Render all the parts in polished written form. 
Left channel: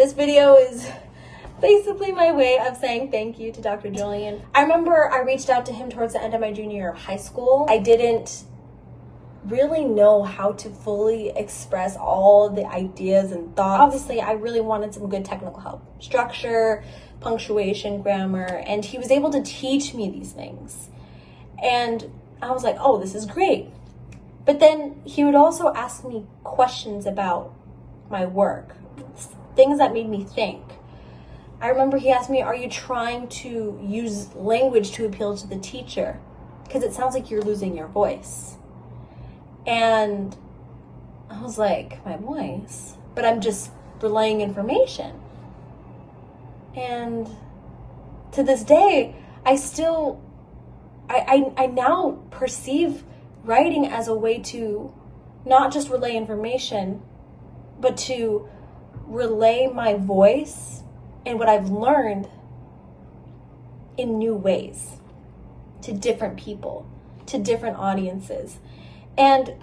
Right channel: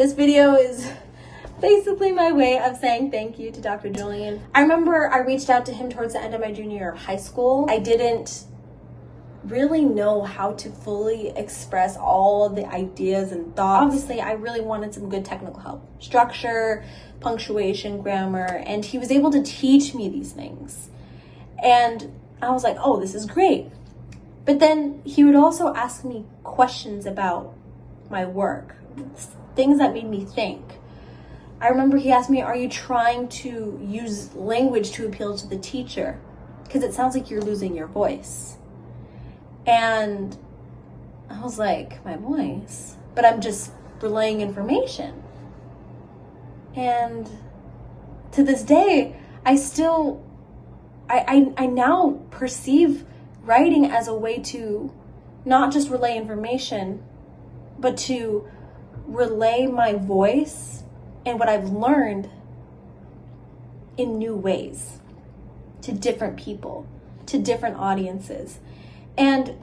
This video is basically my way of saying thank you to Dr. Julian. I remember I reached out to him towards the end of my junior year of high school. I didn't really know how to fully express all the ideas and thoughts. Obviously, I really wanted some good technical help. Structure, punctuation, grammar, and he was able to teach me these things. And I was like, oh, this is great. But then he would also ask me questions about my work, things that made me think. I remember he asked me, are you trying to use language to appeal to the teacher? Because it sounds like you're losing your voice. And I was like, my voice? But I'm just relaying information. And to this day, I now perceive writing as a way to not just relay information, but to relay my voice and what I've learned in new ways to different people, to different audiences. And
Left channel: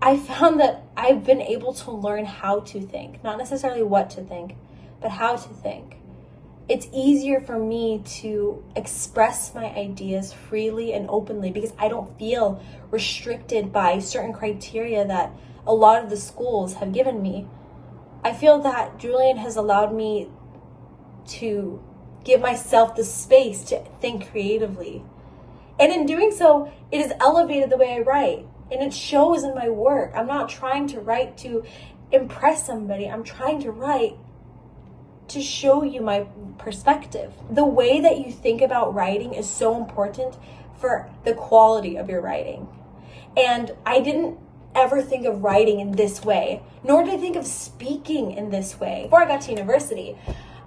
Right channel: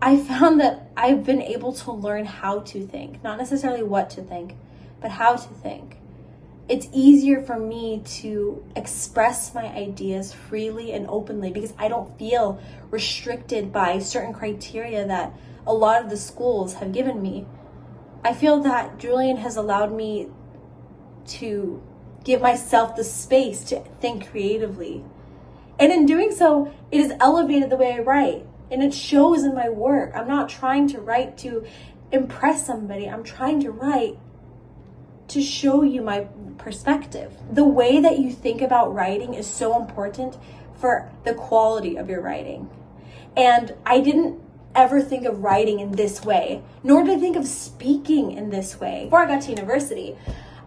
I found that I've been able to learn how to think, not necessarily what to think, but how to think. It's easier for me to express my ideas freely and openly because I don't feel restricted by certain criteria that a lot of the schools have given me. I feel that Julian has allowed me to give myself the space to think creatively. And in doing so, it has elevated the way I write. And it shows in my work. I'm not trying to write to impress somebody. I'm trying to write to show you my perspective. The way that you think about writing is so important for the quality of your writing. And I didn't ever think of writing in this way, nor did I think of speaking in this way. Before I got to university,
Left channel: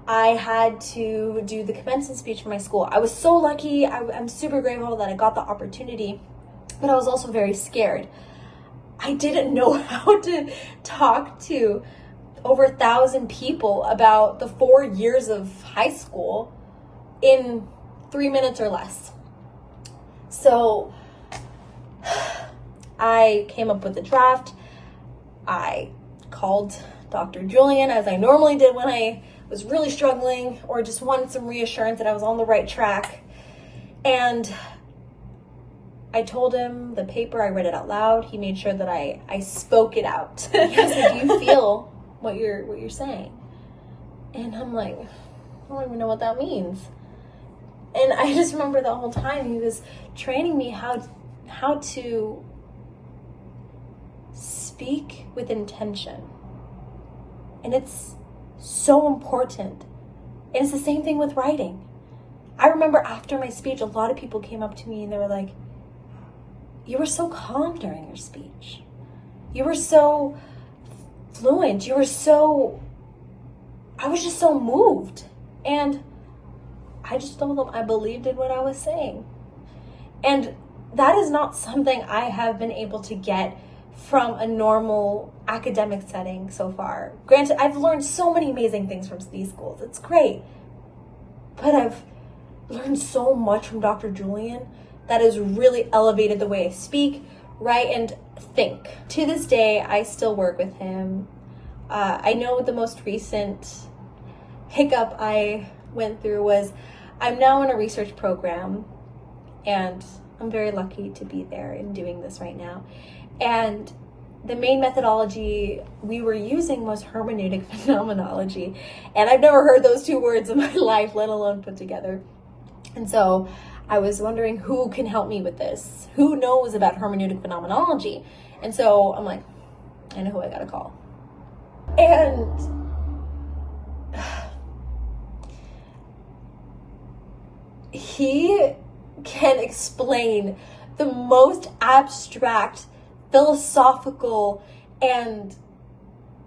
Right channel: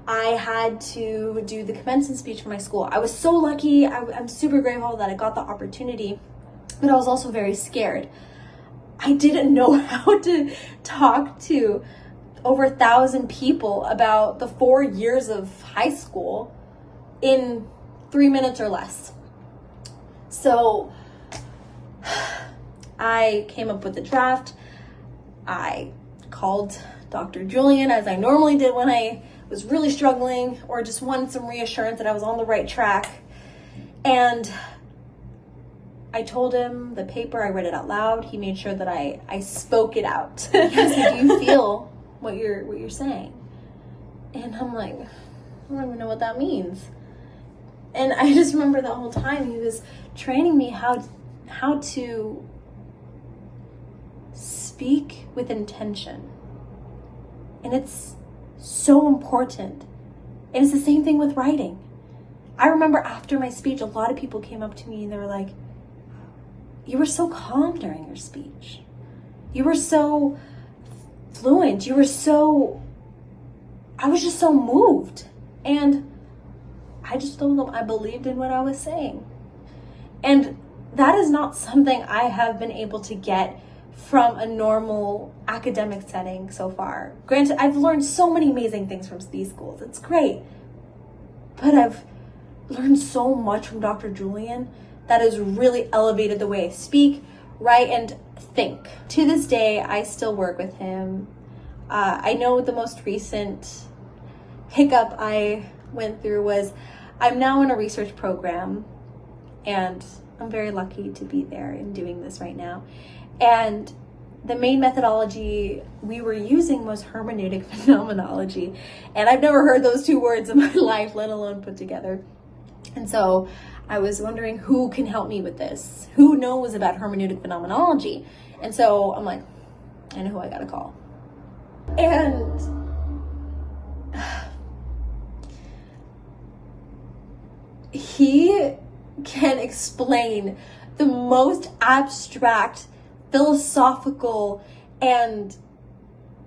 I had to do the commencement speech for my school. I was so lucky. I'm super grateful that I got the opportunity, but I was also very scared. I didn't know how to talk to over 1,000 people about the 4 years of high school in 3 minutes or less. So I came up with a draft. I called Dr. Julian, as I normally did when I was really struggling or just wanted some reassurance that I was on the right track. And I told him the paper, I read it out loud. He made sure that I spoke it out. He was like, do you feel what you're saying? And I'm like, I don't even know what that means. And I just remember the whole time he was training me how to speak with intention. And it's so important. And it's the same thing with writing. I remember after my speech, a lot of people came up to me and they were like, you were so calm during your speech. You were so fluent. I was just so moved. And I just told them I believed in what I was saying. And that is not something I have been able to get from a normal academic setting so far. Granted, I've learned so many amazing things from these schools. It's great. But I've learned so much from Dr. Julian that has really elevated the way I speak, write, and think. To this day, I still work with him. I know the most recent hiccup I went through was I'm now in a research program, and I'm very lucky to be there and doing this right now. And the main methodology we were using was hermeneutic phenomenology. And I've never heard those two words in my life, let alone put together. And so I was wondering who can help me with this? Who knows about hermeneutic phenomenology? And so I'm like, I know who I gotta call. And he can explain the most abstract, philosophical, and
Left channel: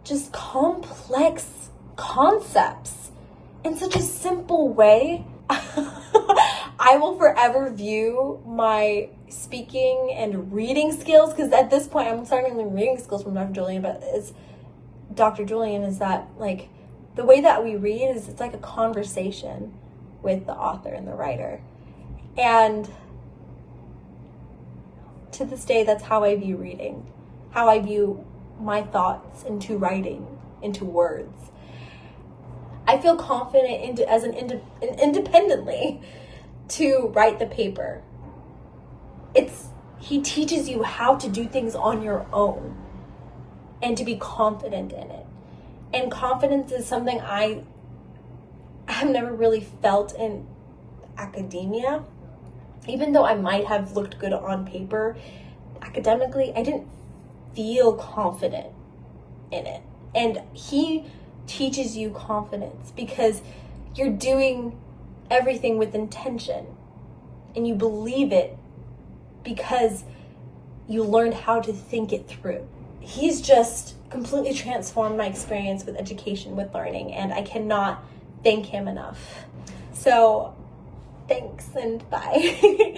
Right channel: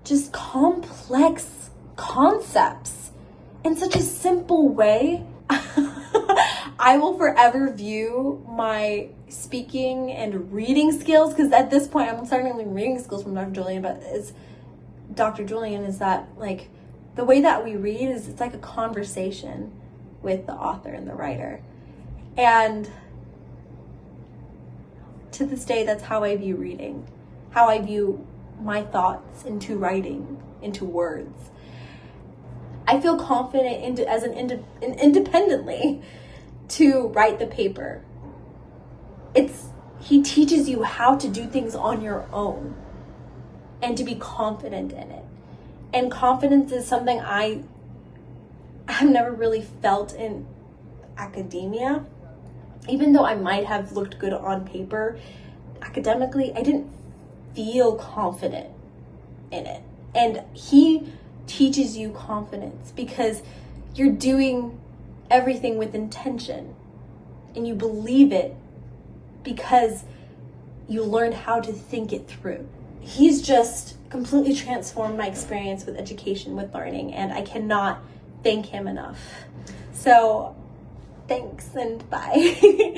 just complex concepts in such a simple way. I will forever view my speaking and reading skills, because at this point I'm starting to learn reading skills from Dr. Julian, but it's Dr. Julian is that like the way that we read is it's like a conversation with the author and the writer. And to this day, that's how I view reading, how I view my thoughts into writing. into words. I feel confident independently to write the paper. He teaches you how to do things on your own and to be confident in it. And confidence is something I have never really felt in academia. Even though I might have looked good on paper, academically, I didn't feel confident in it. And he teaches you confidence because you're doing everything with intention and you believe it because you learned how to think it through. He's just completely transformed my experience with education, with learning, and I cannot thank him enough. So thanks and bye.